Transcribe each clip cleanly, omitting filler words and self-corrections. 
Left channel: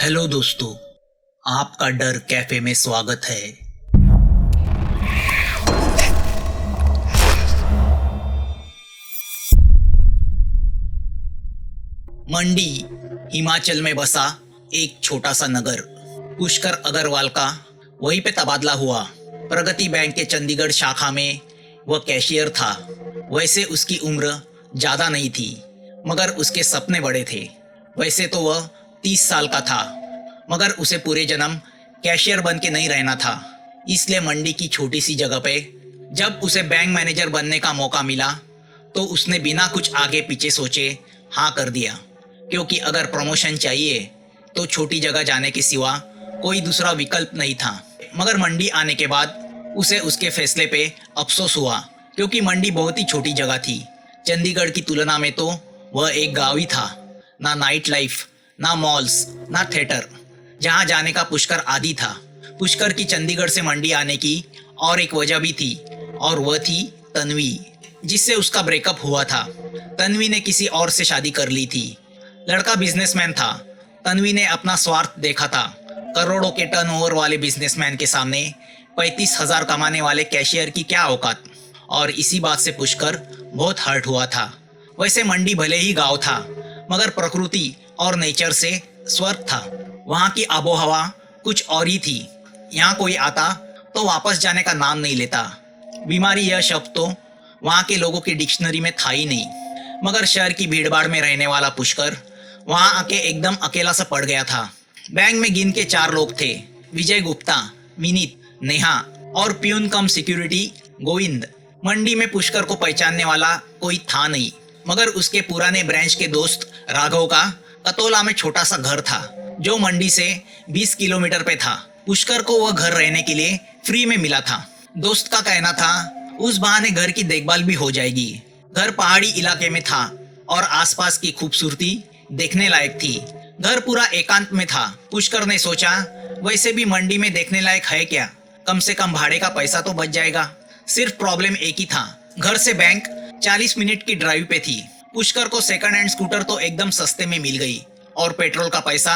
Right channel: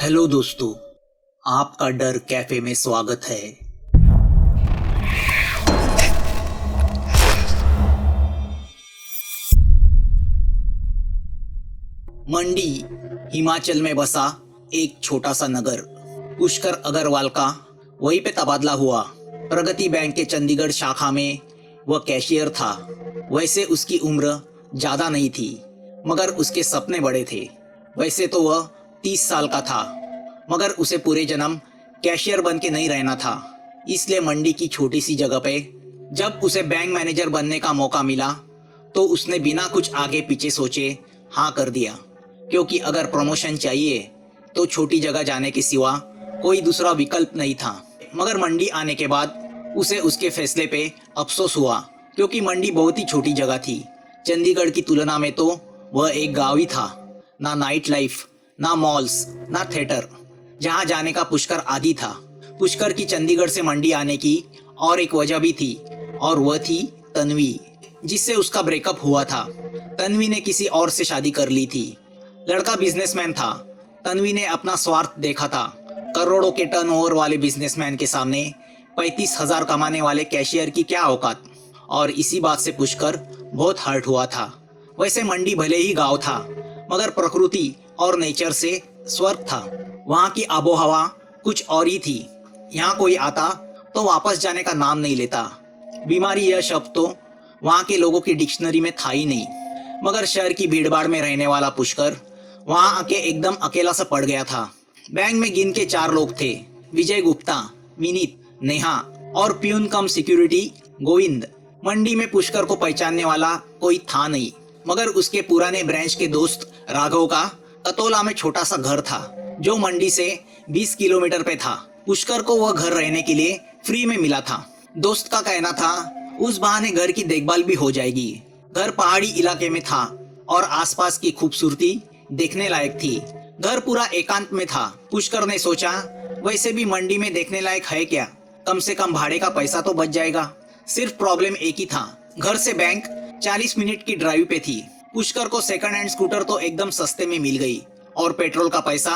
Hello दोस्तों, आपका डर कैफे में स्वागत है। मंडी हिमाचल में बसा एक छोटा सा नगर। पुष्कर अग्रवाल का वहीं पे तबादला हुआ। प्रगति बैंक के चंडीगढ़ शाखा में वह कैशियर था। वैसे उसकी उम्र ज्यादा नहीं थी, मगर उसके सपने बड़े थे। वैसे तो वह 30 साल का था, मगर उसे पूरे जन्म कैशियर बन के नहीं रहना था। इसलिए मंडी की छोटी सी जगह पे जब उसे बैंक मैनेजर बनने का मौका मिला तो उसने बिना कुछ आगे पीछे सोचे हाँ कर दिया, क्योंकि अगर प्रमोशन चाहिए तो छोटी जगह जाने के सिवा कोई दूसरा विकल्प नहीं था। मगर मंडी आने के बाद उसे उसके फैसले पे अफसोस हुआ, क्योंकि मंडी बहुत ही छोटी जगह थी। चंडीगढ़ की तुलना में तो वह एक गांव ही था। ना नाइट लाइफ, ना मॉल्स, ना थिएटर, जहां जाने का पुष्कर आदी था। पुष्कर की चंडीगढ़ से मंडी आने की और एक वजह भी थी, और वह थी तन्वी, जिससे उसका ब्रेकअप हुआ था। तन्वी ने किसी और से शादी कर ली थी। लड़का बिजनेसमैन था। तन्वी ने अपना स्वार्थ देखा था। करोड़ों के टर्नओवर वाले बिजनेसमैन के सामने 35,000 कमाने वाले कैशियर की क्या औकात। और इसी बात से पुष्कर बहुत हर्ट हुआ था। वैसे मंडी भले ही गांव था, मगर प्रकृति और नेचर से स्वर्ग था। वहाँ की आबो हवा कुछ और ही थी। यहाँ कोई आता तो वापस जाने का नाम नहीं लेता। बीमारी यह शब्द तो वहाँ के लोगों की डिक्शनरी में था ही नहीं। मगर शहर की भीड़भाड़ में रहने वाला पुष्कर वहाँ आके एकदम अकेला सा पड़ गया था। बैंक में गिन के 4 लोग थे, विजय गुप्ता, विनीत, नेहा और प्यून कम सिक्योरिटी गोविंद। मंडी में पुष्कर को पहचानने वाला कोई था नहीं, मगर उसके पुराने ब्रांच के दोस्त राघव का कतोला में छोटा सा घर था, जो मंडी से 20 किलोमीटर पे था। पुष्कर को वह घर रहने के लिए फ्री में मिला था। दोस्त का कहना था उस बहाने घर की देखभाल भी हो जाएगी। घर पहाड़ी इलाके में था और आसपास की खूबसूरती देखने लायक थी। घर पूरा एकांत में था। पुष्कर ने सोचा वैसे भी मंडी में देखने लायक है क्या, कम से कम भाड़े का पैसा तो बच जाएगा। सिर्फ प्रॉब्लम एक ही था, घर से बैंक 40 मिनट की ड्राइव पे थी। पुष्कर को सेकंड हैंड स्कूटर तो एकदम सस्ते में मिल गई, और पेट्रोल का पैसा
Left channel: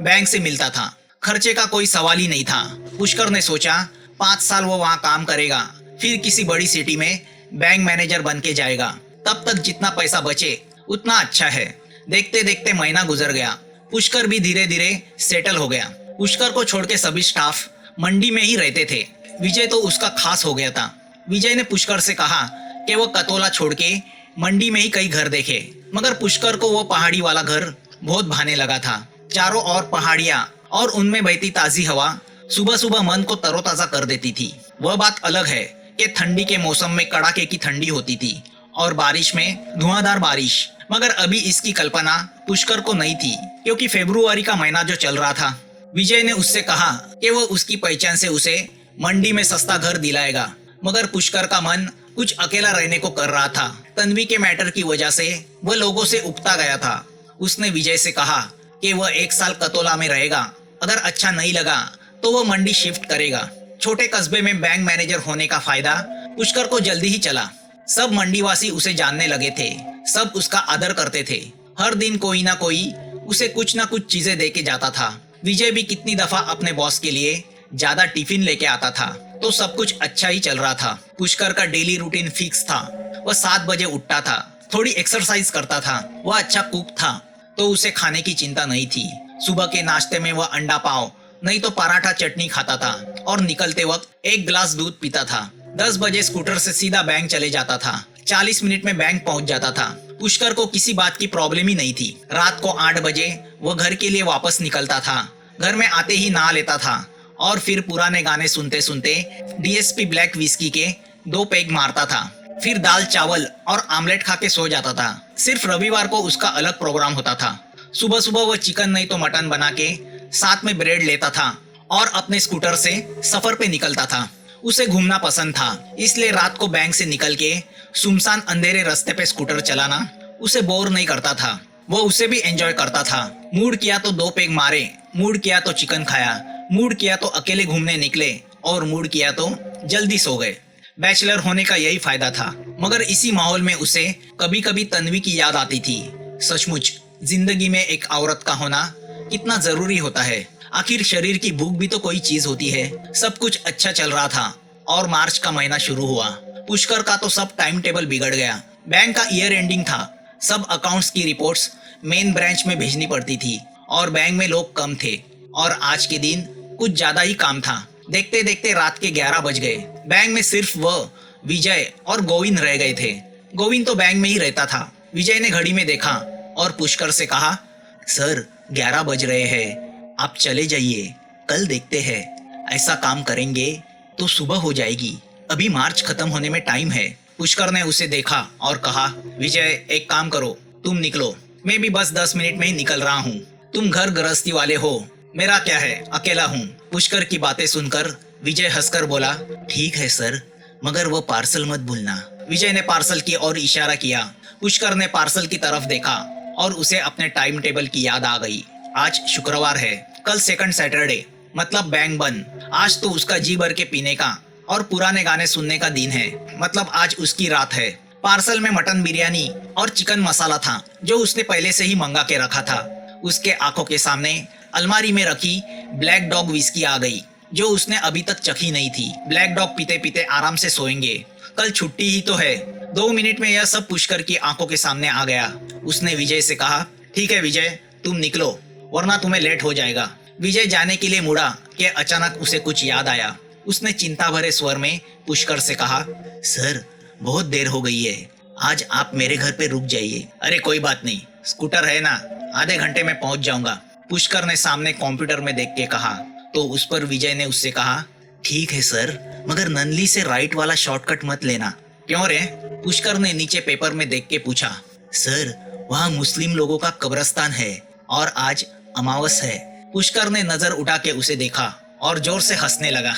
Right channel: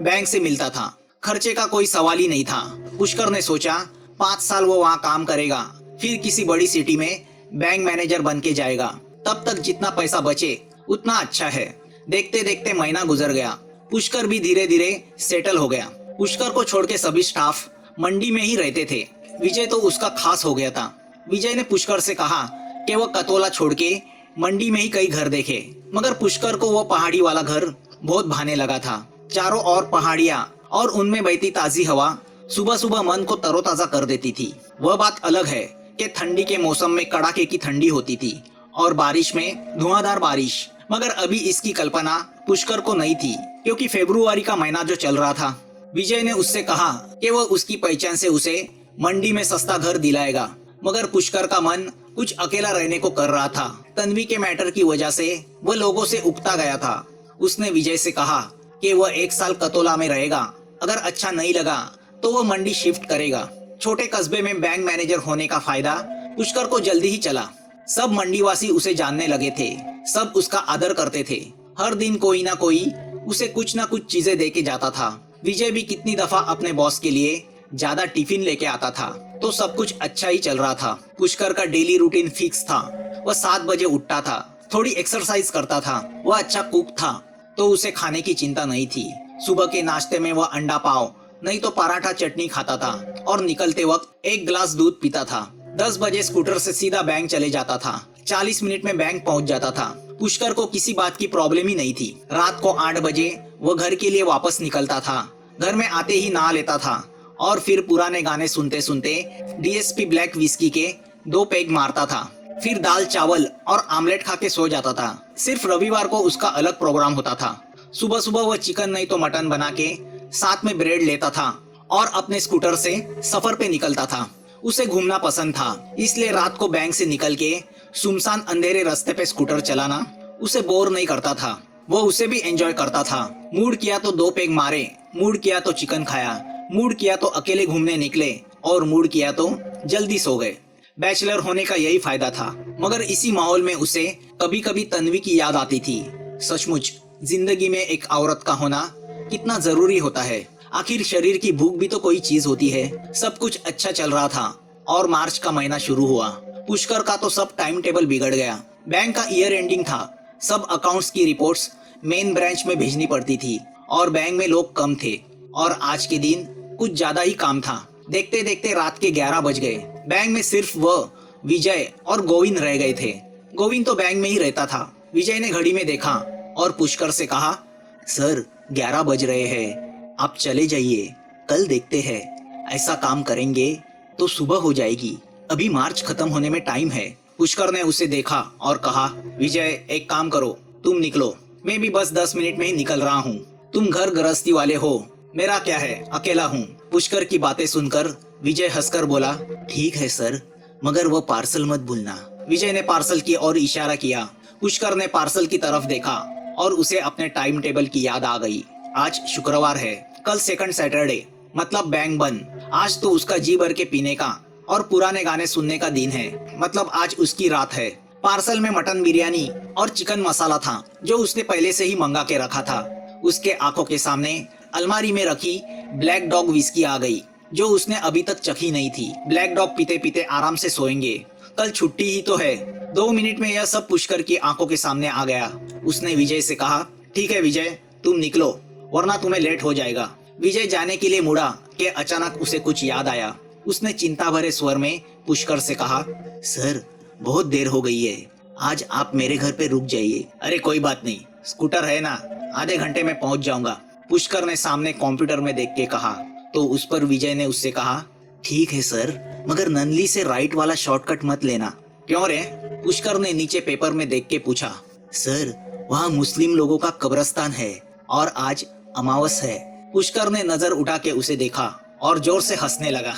बैंक से मिलता था। खर्चे का कोई सवाल ही नहीं था। पुष्कर ने सोचा 5 साल वो वहाँ काम करेगा, फिर किसी बड़ी सिटी में बैंक मैनेजर बन के जाएगा। तब तक जितना पैसा बचे उतना अच्छा है। देखते देखते महीना गुजर गया। पुष्कर भी धीरे धीरे सेटल हो गया। पुष्कर को छोड़ के सभी स्टाफ मंडी में ही रहते थे। विजय तो उसका खास हो गया था। विजय ने पुष्कर से कहा कि वो कतोला छोड़ के मंडी में ही कई घर देखे, मगर पुष्कर को वो पहाड़ी वाला घर बहुत भाने लगा था। चारों ओर पहाड़ियाँ और उनमें बहती ताजी हवा सुबह सुबह मन को तरोताजा कर देती थी। वह बात अलग है कि ठंडी के मौसम में कड़ाके की ठंडी होती थी और बारिश में धुआंधार बारिश। मगर अभी इसकी कल्पना पुष्कर को नहीं थी, क्योंकि फरवरी का महीना जो चल रहा था। विजय ने उससे कहा कि वह उसकी पहचान से उसे मंडी में सस्ता घर दिलाएगा, मगर पुष्कर का मन कुछ अकेला रहने को कर रहा था। तन्वी के मैटर की वजह से वह लोगों से उकता गया था। उसने विजय से कहा कि वह 1 साल कतोला में रहेगा, अगर अच्छा नहीं लगा तो वह मंडी शिफ्ट करेगा। छोटे कस्बे में बैंक मैनेजर होने का फायदा पुष्कर को जल्दी ही चला। सब मंडीवासी उसे जानने लगे थे, सब उसका आदर करते थे। हर दिन कोई ना कोई उसे कुछ ना कुछ चीजें दे के जाता था। विजय भी कितनी दफा अपने बॉस के लिए ज्यादा टिफिन लेके आता था, तो सब कुछ अच्छा ही चल रहा था। पुष्कर का डेली रूटीन फिक्स था। वह 7 बजे उठता था, थोड़ी एक्सरसाइज करता था। वह अच्छा कुक था, तो उसे खाने की चिंता नहीं थी। सुबह के नाश्ते में वह अंडा पाव नहीं तो पराठा चटनी खाता था, और निकलते वक्त 1 गिलास दूध पीता था। 10 बजे स्कूटर से सीधा बैंक चले जाता था। 40 मिनट में बैंक पहुंच जाता था। पुष्कर को किसी बात की प्रॉब्लम ही नहीं थी। रात को 8 बजे वो घर के लिए वापस निकलता था। घर में आते ही नहा लेता था और फिर पुराने गाने सुनते सुनते डीएसपी ब्लैक विस्की के 2 पैग मारता था। फिर दाल चावल और आमलेट खा के सो जाता था। सिर्फ रविवार को उसका अलग प्रोग्राम होता था। सुबह सुबह वह चिकन नहीं तो मटन बना के साथ में ब्रेड लेता था और अपने स्कूटर से सफर पे निकलता था। उसे घूमना पसंद था, इसलिए रात को बैंक से निकल के सुनसान अंधेरे रास्ते पे स्कूटर चलाना उसे बोर नहीं करता था। वो उसे भी एंजॉय करता था। मूड किया तो 2 पैग मारे, मूड किया तो चिकन खाया, मूड किया तो अकेले घूमने निकले, और मूड किया तो जल्दी सो गए। बैचलर होने का यही फायदा था। मगर इसी माहौल में उसे कभी कभी तन्वी की याद आती थी। सचमुच जिंदगी में एक औरत का होना कितना जरूरी होता है। आखिर शरीर की भूख भी तो कोई चीज होती है। सब कुछ अच्छा चल रहा था और मार्च का महीना शुरू हुआ। पुष्कर का तो सब टाइम टेबल बिगड़ गया। बैंक का ईयर एंडिंग था। सब अकाउंट्स की रिपोर्ट्स मेन ब्रांच में भेजनी पड़ती थी और बैंक में लोग कम थे और आज के दिन कुछ ज्यादा ही काम था। देखते देखते रात के 11 बज गए। बैंक में सिर्फ वह विजय और गोविंद रह गए थे। गोविंद तो बैंक में ही रहता था। विजय ने घड़ी में देखा और पुष्कर से कहा, सर 11 बज रहे हैं, आप चले जाइए, कल देखते हैं। ऐसा काम करेंगे तो सुबह हो जाएगी, अभी मार्च खत्म होने में टाइम है। पुष्कर ने उसे देखा और कहा, विजय एक काम करो, तुम निकलो, मैं भी बस 10 मिनट में ही निकल रहा हूँ। तुम घर गृहस्थी वाले हो, मेरा क्या है, अकेला हूँ। पुष्कर की बातें सुनकर विजय हंसकर बोला, ठीक है सर, मगर वो पार्सल मत भूलना। विजय ने पार्सल की ओर इशारा किया। पुष्कर ने पार्सल की तरफ देखा और उसे अपने टाइम टेबल की याद आ गई। आज शुक्रवार है, कल सेकंड सैटरडे, मतलब बैंक बंद। आज तो उसका जी भर के पीने का और पुराने गाने सुनने का दिन है, मतलब आज उसकी रात है। पार्सल में मटन बिरयानी और चिकन मसाला था जो उसने पहले से ही मंगा के रखा था। उसके आंखों के सामने अलमारी में रखी ब्लैक डॉग विस्की आ गई जो उसने अभी तक चखी नहीं थी। ब्लैक डॉग पीते पीते आराम से सोएंगे, कल छुट्टी ही तो है। 2 मिनट में यह सब पुष्कर की आंखों के सामने आ गया। उसने विजय से कहा, ठीक है विजय, तुम निकलो वरना तुम्हें लेट हो जाएगा। विजय जाने के लिए मुड़ा कि अचानक उसे कुछ याद आया। उसने चिंता भरे स्वर में पुष्कर से कहा, सर बहुत देर हो गई है, आज आप मेरे घर पे रुक जाइए। अरे कोई बात नहीं, स्कूटर है ना, आधे घंटे में पहुंच जाऊंगा। पुष्कर ने सामने कंप्यूटर में देख के कहा। तो उस पर विजय ने उससे कहा, ठीक है सर, मगर ननली से राइट वाला शॉर्टकट मत लेना। क्यों रे? पुष्कर ने नीचे पेपर में देख के पूछा। सर वहाँ मुस्लिम लोगों का कब्रिस्तान है और आज अमावस है। पुष्कर ने नजर उठा के उसे देखा और जोर से हंसने लगा।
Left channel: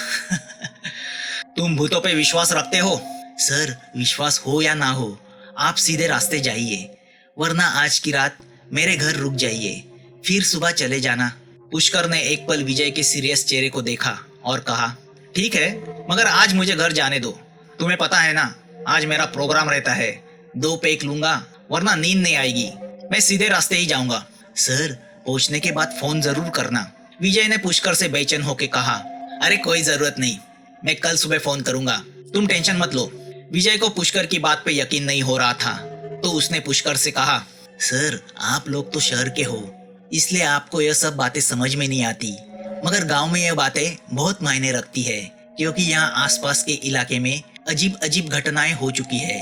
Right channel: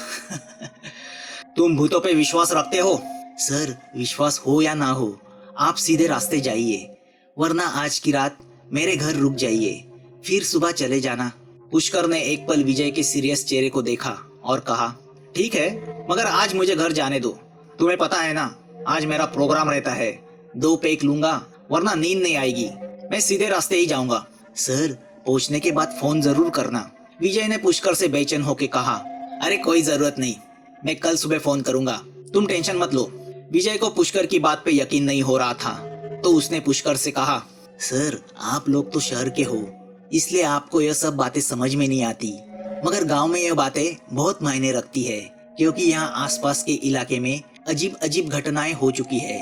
तुम भूतों पे विश्वास रखते हो? सर विश्वास हो या ना हो, आप सीधे रास्ते जाइए, वरना आज की रात मेरे घर रुक जाइए, फिर सुबह चले जाना। पुष्कर ने एक पल विजय के सीरियस चेहरे को देखा और कहा, ठीक है, मगर आज मुझे घर जाने दो। तुम्हें पता है ना, आज मेरा प्रोग्राम रहता है, 2 पैक लूंगा वरना नींद नहीं आएगी। मैं सीधे रास्ते ही जाऊंगा। सर पहुंचने के बाद फोन जरूर करना। विजय ने पुष्कर से बेचैन होकर कहा। अरे कोई जरूरत नहीं, मैं कल सुबह फोन करूंगा, तुम टेंशन मत लो। विजय को पुष्कर की बात पे यकीन नहीं हो रहा था, तो उसने पुष्कर से कहा, सर आप लोग तो शहर के हो, इसलिए आपको यह सब बातें समझ में नहीं आती, मगर गांव में यह बातें बहुत मायने रखती है, क्योंकि यहाँ आसपास के इलाके में अजीब अजीब घटनाएं हो चुकी है।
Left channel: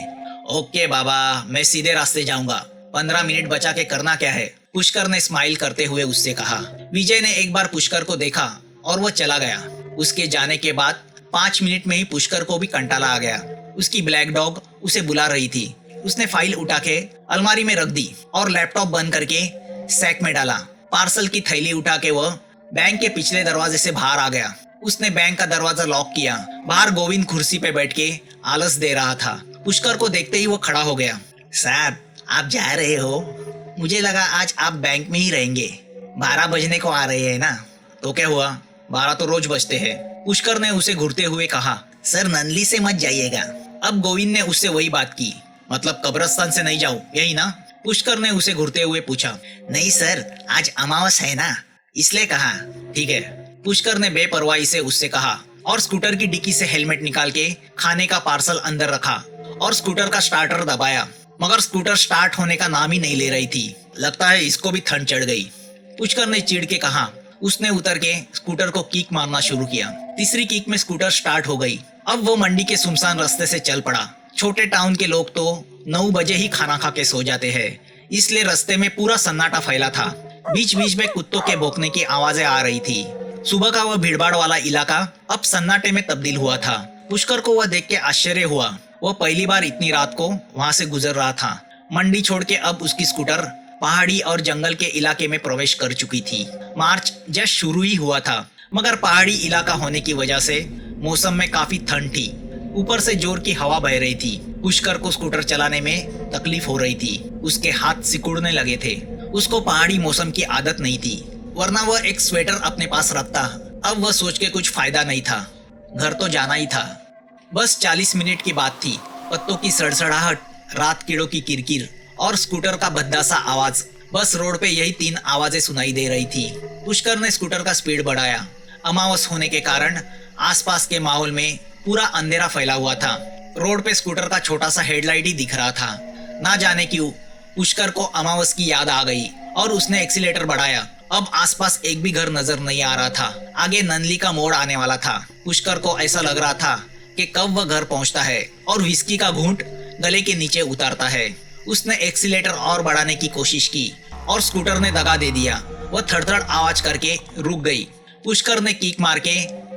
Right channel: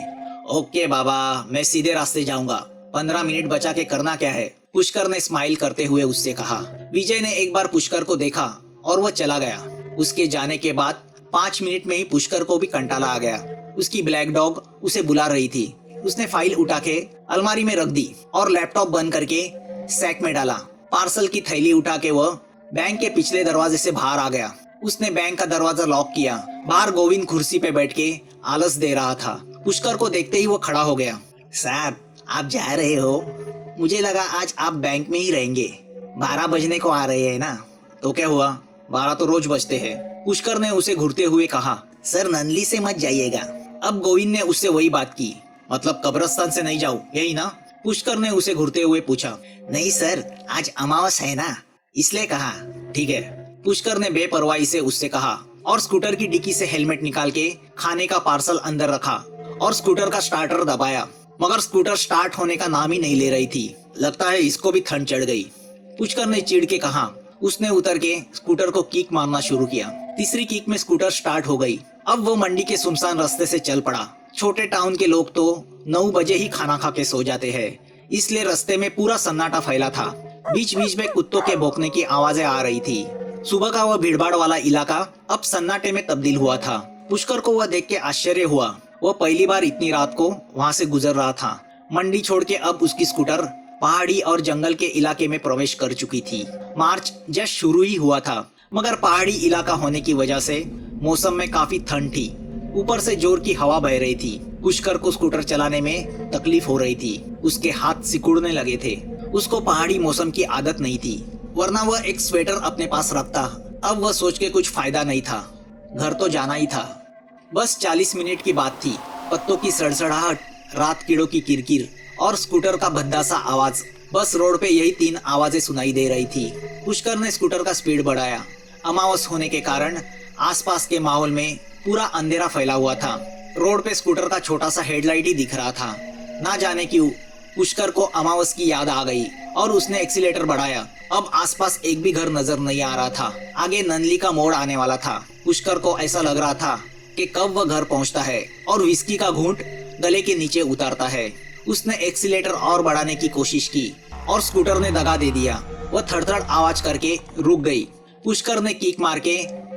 ओके बाबा, मैं सीधे रास्ते जाऊंगा, 15 मिनट बचा के करना क्या है? पुष्कर ने स्माइल करते हुए उससे कहा। विजय ने एक बार पुष्कर को देखा और वह चला गया। उसके जाने के बाद 5 मिनट में ही पुष्कर को भी कंटाला आ गया। उसकी ब्लैक डॉग उसे बुला रही थी। उसने फाइल उठा के अलमारी में रख दी और लैपटॉप बंद करके सैक में डाला। पार्सल की थैली उठा के वह बैंक के पिछले दरवाजे से बाहर आ गया। उसने बैंक का दरवाजा लॉक किया। बाहर गोविंद कुर्सी पे बैठ के आलस दे रहा था। पुष्कर को देखते ही वो खड़ा हो गया। सर आप जा रहे हो? मुझे लगा आज आप बैंक में ही रहेंगे। 12 बजने को आ रहे हैं ना? तो क्या हुआ, 12 तो रोज बजते हैं। पुष्कर ने उसे घूरते हुए कहा। सर ननली से मत जाइएगा। अब गोविंद ने उससे वही बात की। मतलब कब्रिस्तान से नहीं जाओ, यही ना? पुष्कर ने उसे घूरते हुए पूछा। नहीं सर, आज अमावस है ना, इसलिए कहा। ठीक है, पुष्कर ने बेपरवाही से उससे कहा और स्कूटर की डिक्की से हेलमेट निकाल के खाने का पार्सल अंदर रखा और स्कूटर का स्टार्टर दबाया, मगर स्कूटर स्टार्ट होने का नाम ही नहीं ले रही थी। लगता है इसको भी ठंड चढ़ गई, पुष्कर ने चिढ़ के कहा। उसने उतर के स्कूटर को किक मारना शुरू किया। तीसरी किक में स्कूटर स्टार्ट हो गई। अब वो मंडी के सुनसान रास्ते से चल पड़ा। छोटे टाउन के लोग तो 9 बजे ही खाना खा के सो जाते हैं, इसलिए रास्ते में पूरा सन्नाटा फैला था। बीच बीच में कुत्तों के भौंकने की आवाजें आ रही थी। सुबह का वह भीड़भाड़ वाला इलाका अब सन्नाटे में तब्दील हुआ था। पुष्कर को वह देख के आश्चर्य हुआ। वह पहली बार इतनी रात को वहाँ से गुजर रहा था। मंडी छोड़ के अब उसकी स्कूटर पहाड़ी और जंगल के इलाके में प्रवेश कर चुकी थी। मार्च जस्ट शुरू ही हुआ था, मगर पहाड़ी इलाका होने की वजह से मौसम में काफी ठंड थी। ऊपर से जोर की हवा बह रही थी। पुष्कर को स्कूटर चलाने में तकलीफ हो रही थी। उसके हाथ सिकुड़ने लगे थे। उसको पहाड़ी मौसम की आदत नहीं थी, वरना वह एक स्वेटर अपने पास रखता। अब वह सोच के कुछ फायदा नहीं था, घर तो जाना ही था। बस 40 मिनट की बात थी। पत्तों की सड़सड़ाहट, रात कीड़ों की किरकिर और स्कूटर का भद्दा सा आवाज बस रोड पे यही 3 आवाजें सुनाई दे रही थी। पुष्कर ने स्कूटर का स्पीड बढ़ाया। अमावस होने के कारण आसपास के माहौल में पूरा अंधेरा फैला हुआ था। रोड पे स्कूटर का छोटा सा हेडलाइट ही दिख रहा था। ना जाने क्यों पुष्कर को अमावस की याद आ गई और उसने एक्सीलेटर बढ़ाया। अब आसपास एक भी घर नजर नहीं आ रहा था। आगे ननली का मोड़ आने वाला था। पुष्कर को ऐसा लग रहा था कि कब वह घर पहुंचता है और विस्की का घूंट गले के नीचे उतारता है। उसने एक्सीलेटर और बढ़ाने की कोशिश की और स्कूटर ने दगा दे दिया। वह थड़थड़ आवाज करके रुक गई। पुष्कर ने किक मार के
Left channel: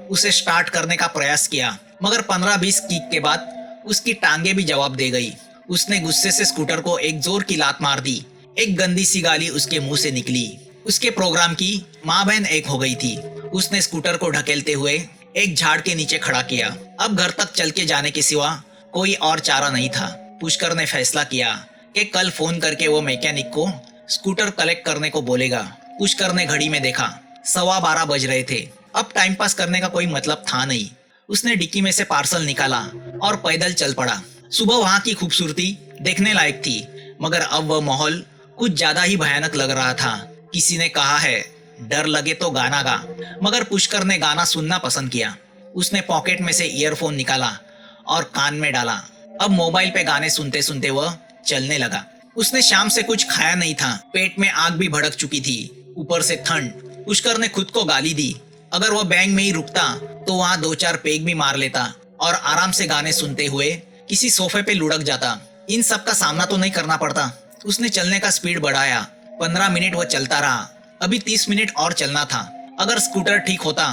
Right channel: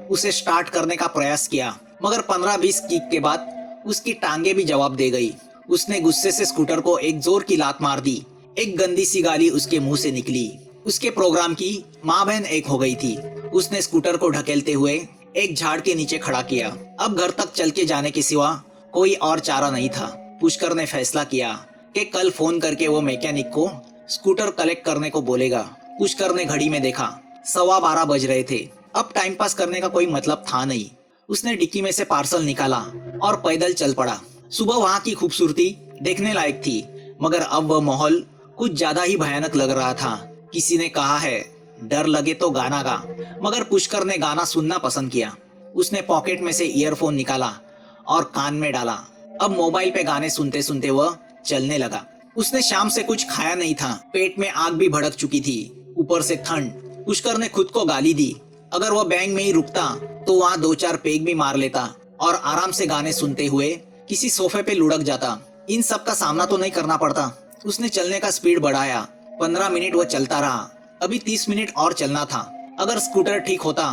उसे स्टार्ट करने का प्रयास किया, मगर 15-20 किक के बाद उसकी टांगे भी जवाब दे गई। उसने गुस्से से स्कूटर को एक जोर की लात मार दी। एक गंदी सी गाली उसके मुंह से निकली। उसके प्रोग्राम की माँ बहन एक हो गई थी। उसने स्कूटर को ढकेलते हुए एक झाड़ के नीचे खड़ा किया। अब घर तक चल के जाने के सिवा कोई और चारा नहीं था। पुष्कर ने फैसला किया कि कल फोन करके वो मैकेनिक को स्कूटर कलेक्ट करने को बोलेगा। पुष्कर ने घड़ी में देखा, 12:15 बज रहे थे। अब टाइम पास करने का कोई मतलब था नहीं। उसने डिक्की में से पार्सल निकाला और पैदल चल पड़ा। सुबह वहाँ की खूबसूरती देखने लायक थी, मगर अब वह माहौल कुछ ज्यादा ही भयानक लग रहा था। किसी ने कहा है, डर लगे तो गाना गा, मगर पुष्कर ने गाना सुनना पसंद किया। उसने पॉकेट में से ईयरफोन निकाला और कान में डाला। अब मोबाइल पे गाने सुनते सुनते वह चलने लगा। उसने शाम से कुछ खाया नहीं था। पेट में आग भी भड़क चुकी थी, ऊपर से ठंड। पुष्कर ने खुद को गाली दी। अगर वह बैंक में ही रुकता तो वहाँ 2-4 पेग भी मार लेता और आराम से गाने सुनते हुए किसी सोफे पे लुढ़क जाता। इन सब का सामना तो नहीं करना पड़ता। उसने चलने का स्पीड बढ़ाया। 15 मिनट वह चलता रहा। अभी 30 मिनट और चलना था। अगर स्कूटर ठीक होता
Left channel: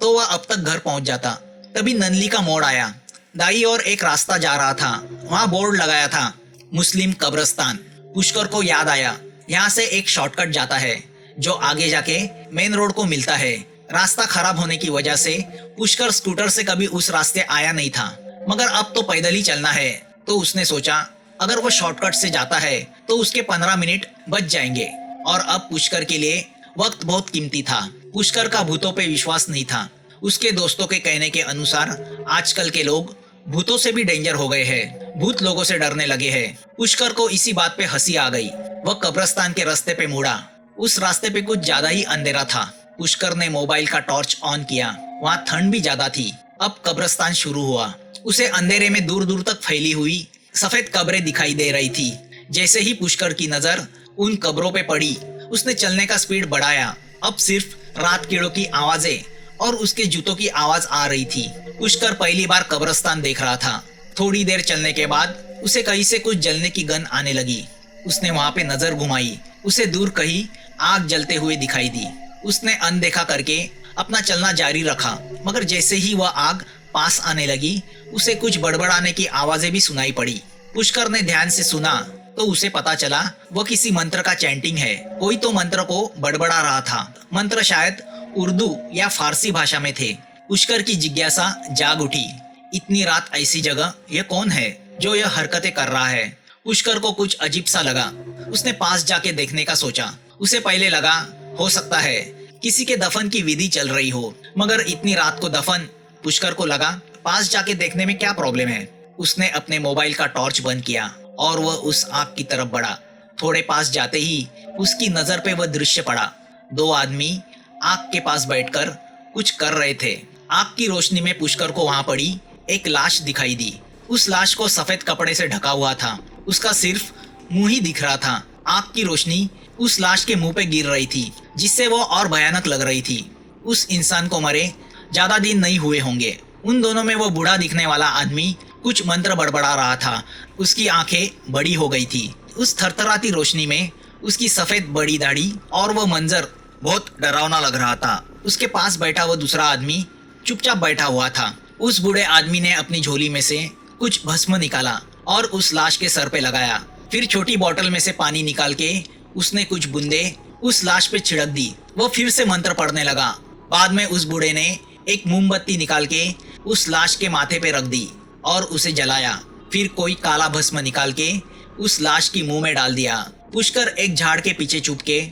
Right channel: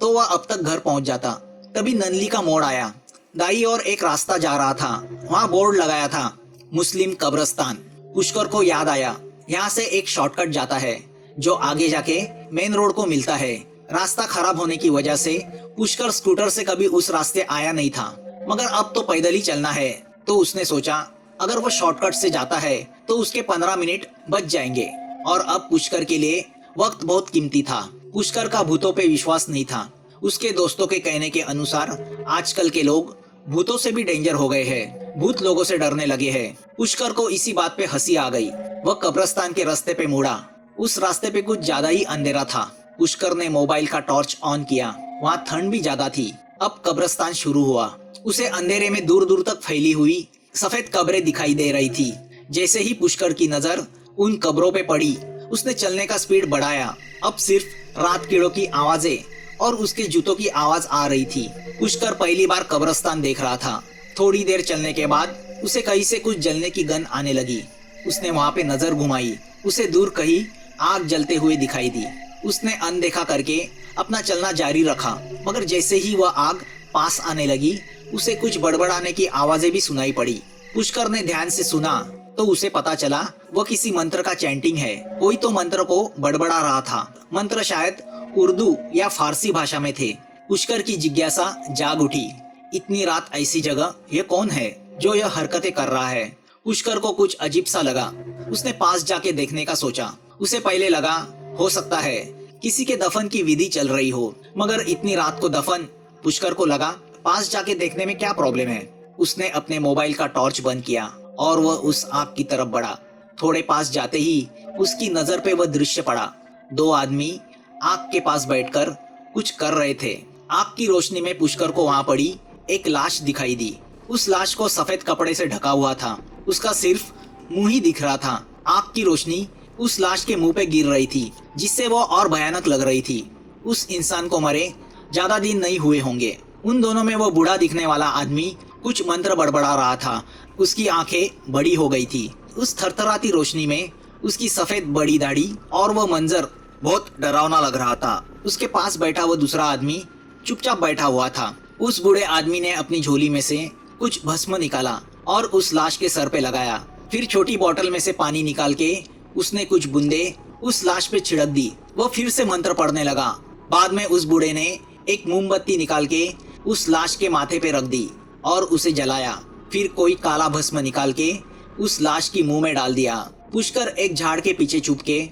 तो वह अब तक घर पहुंच जाता। तभी ननली का मोड़ आया। दाई और एक रास्ता जा रहा था। वहाँ बोर्ड लगाया था, मुस्लिम कब्रिस्तान। पुष्कर को याद आया, यहाँ से एक शॉर्टकट जाता है जो आगे जाके मेन रोड को मिलता है। रास्ता खराब होने की वजह से पुष्कर स्कूटर से कभी उस रास्ते आया नहीं था, मगर अब तो पैदल ही चलना है। तो उसने सोचा, अगर वो शॉर्टकट से जाता है तो उसके 15 मिनट बच जाएंगे। और अब पुष्कर के लिए वक्त बहुत कीमती था। पुष्कर का भूतों पे विश्वास नहीं था। उसके दोस्तों के कहने के अनुसार आजकल के लोग भूतों से भी डेंजर हो गए हैं। भूत लोगों से डरने लगे हैं। पुष्कर को इसी बात पे हंसी आ गई। वह कब्रिस्तान के रास्ते पे मुड़ा। उस रास्ते पे कुछ ज्यादा ही अंधेरा था। पुष्कर ने मोबाइल का टॉर्च ऑन किया। वहाँ ठंड भी ज्यादा थी। अब कब्रिस्तान शुरू हुआ। उसे अंधेरे में दूर दूर तक फैली हुई सफेद कब्रें दिखाई दे रही थी। जैसे ही पुष्कर की नजर उन कब्रों पे पड़ी, उसने चलने का स्पीड बढ़ाया। अब सिर्फ रात कीड़ों की आवाजें और उसके जूतों की आवाज आ रही थी। पुष्कर पहली बार कब्रिस्तान देख रहा था। थोड़ी देर चलने के बाद उसे कहीं से कुछ जलने की गंध आने लगी। उसने वहां पे नजर घुमाई। उसे दूर कहीं आग जलते हुए दिखाई दी। उसने अनदेखा करके अपना चलना जारी रखा, मगर जैसे ही वह आग पास आने लगी, उसे कुछ बड़बड़ाने की आवाजें भी सुनाई पड़ी। पुष्कर ने ध्यान से सुना तो उसे पता चला वह किसी मंत्र का चैंटिंग है। कोई तो मंत्र को बड़बड़ा रहा था। मंत्र शायद उर्दू या फारसी भाषा में थे। पुष्कर की जिज्ञासा जाग उठी। इतनी रात ऐसी जगह ये कौन है जो यह हरकतें कर रहा है? पुष्कर को कुछ अजीब सा लगा। उसने पास जाके देखने का सोचा। उसे पहले लगा हो सकता है किसी के दफन की विधि चल रही हो, मगर इतनी रात को दफन? पुष्कर को लगा पास जाके देखने में क्या प्रॉब्लम है। उसने अपने मोबाइल का टॉर्च बंद किया और वह उस आग की तरफ बढ़ा। थोड़े पास जाते ही उसकी नजर पे वह दृश्य पड़ा। 2 आदमी आग के पास बैठकर कुछ कर रहे थे। आग की रोशनी में पुष्कर को वहां पड़ी एक लाश दिखाई दी। उस लाश को सफेद कपड़े से ढका हुआ था। उसका सिर्फ मुंह ही दिख रहा था। आग की रोशनी उस लाश के मुंह पे गिर रही थी, जिससे वो और भयानक लग रही थी। उस इंसान को मरे ज्यादा दिन नहीं हुए होंगे। उन दोनों में वो बूढ़ा दिखने वाला आदमी कुछ मंत्र बड़बड़ा रहा था। उसकी आंखें बड़ी हो गई थी। उस थरथराती रोशनी में उसकी सफेद बड़ी दाढ़ी और वो मंजर बहुत डरावना लग रहा था। उसके पास बैठा वो दूसरा आदमी चुपचाप बैठा हुआ था। उस बूढ़े आदमी ने अपनी झोली में से कुछ भस्म निकाला और उस लाश के सर पे लगाया। फिर छोटी बोतल में से पानी निकाल के उसने कुछ बूंदे उस लाश पे छिड़क दी। वो फिर से मंत्र पढ़ने लगा। बाद में उस बूढ़े ने एक मोमबत्ती निकाल के उस लाश के माथे पे रख दी और उसे जलाया। फिर कोई काला भस्म निकाल के उस लाश की मुंह में डाल दिया। पुष्कर एक झाड़ के पीछे छुप के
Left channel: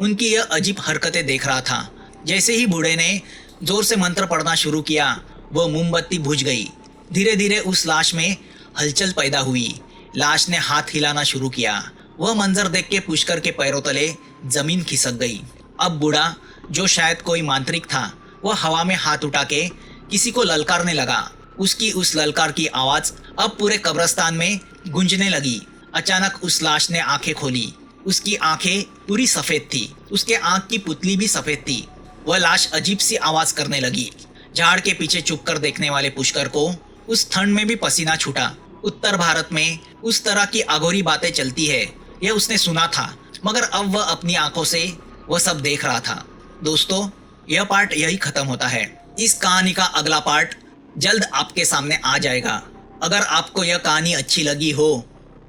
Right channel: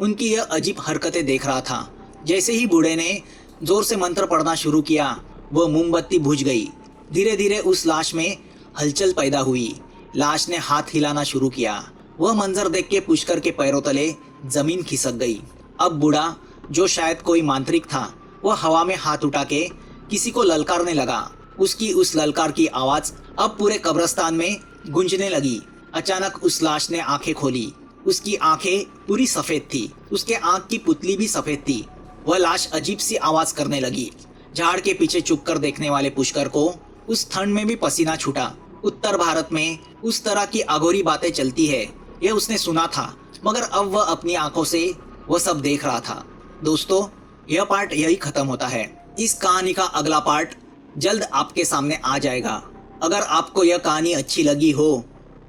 उनकी यह अजीब हरकतें देख रहा था। जैसे ही बूढ़े ने जोर से मंत्र पढ़ना शुरू किया, वो मोमबत्ती बुझ गई। धीरे धीरे उस लाश में हलचल पैदा हुई। लाश ने हाथ हिलाना शुरू किया वह मंजर देख के पुष्कर के पैरों तले जमीन खिसक गई। अब बूढ़ा, जो शायद कोई मांत्रिक था, वह हवा में हाथ उठा के किसी को ललकारने लगा। उसकी उस ललकार की आवाज अब पूरे कब्रिस्तान में गूंजने लगी। अचानक उस लाश ने आंखें खोली। उसकी आंखें पूरी सफेद थी, उसके आंख की पुतली भी सफेद थी। वह लाश अजीब सी आवाज करने लगी। झाड़ के पीछे छुप कर देखने वाले पुष्कर को उस ठंड में भी पसीना छूटा। उत्तर भारत में उस तरह की अघोरी बातें चलती है, यह उसने सुना था, मगर अब वह अपनी आंखों से वह सब देख रहा था। दोस्तों, यह पार्ट यही खत्म होता है। इस कहानी का अगला पार्ट जल्द आपके सामने आ जाएगा। अगर आपको यह कहानी अच्छी लगी हो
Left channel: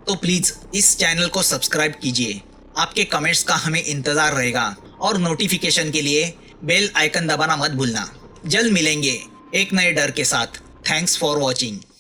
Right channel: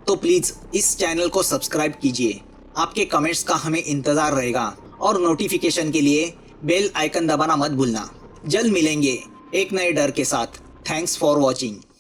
तो प्लीज इस चैनल को सब्सक्राइब कीजिए। आपके कमेंट्स का हमें इंतजार रहेगा और नोटिफिकेशन के लिए बेल आइकन दबाना मत भूलना। जल्द मिलेंगे एक नए डर के साथ। Thanks for watching.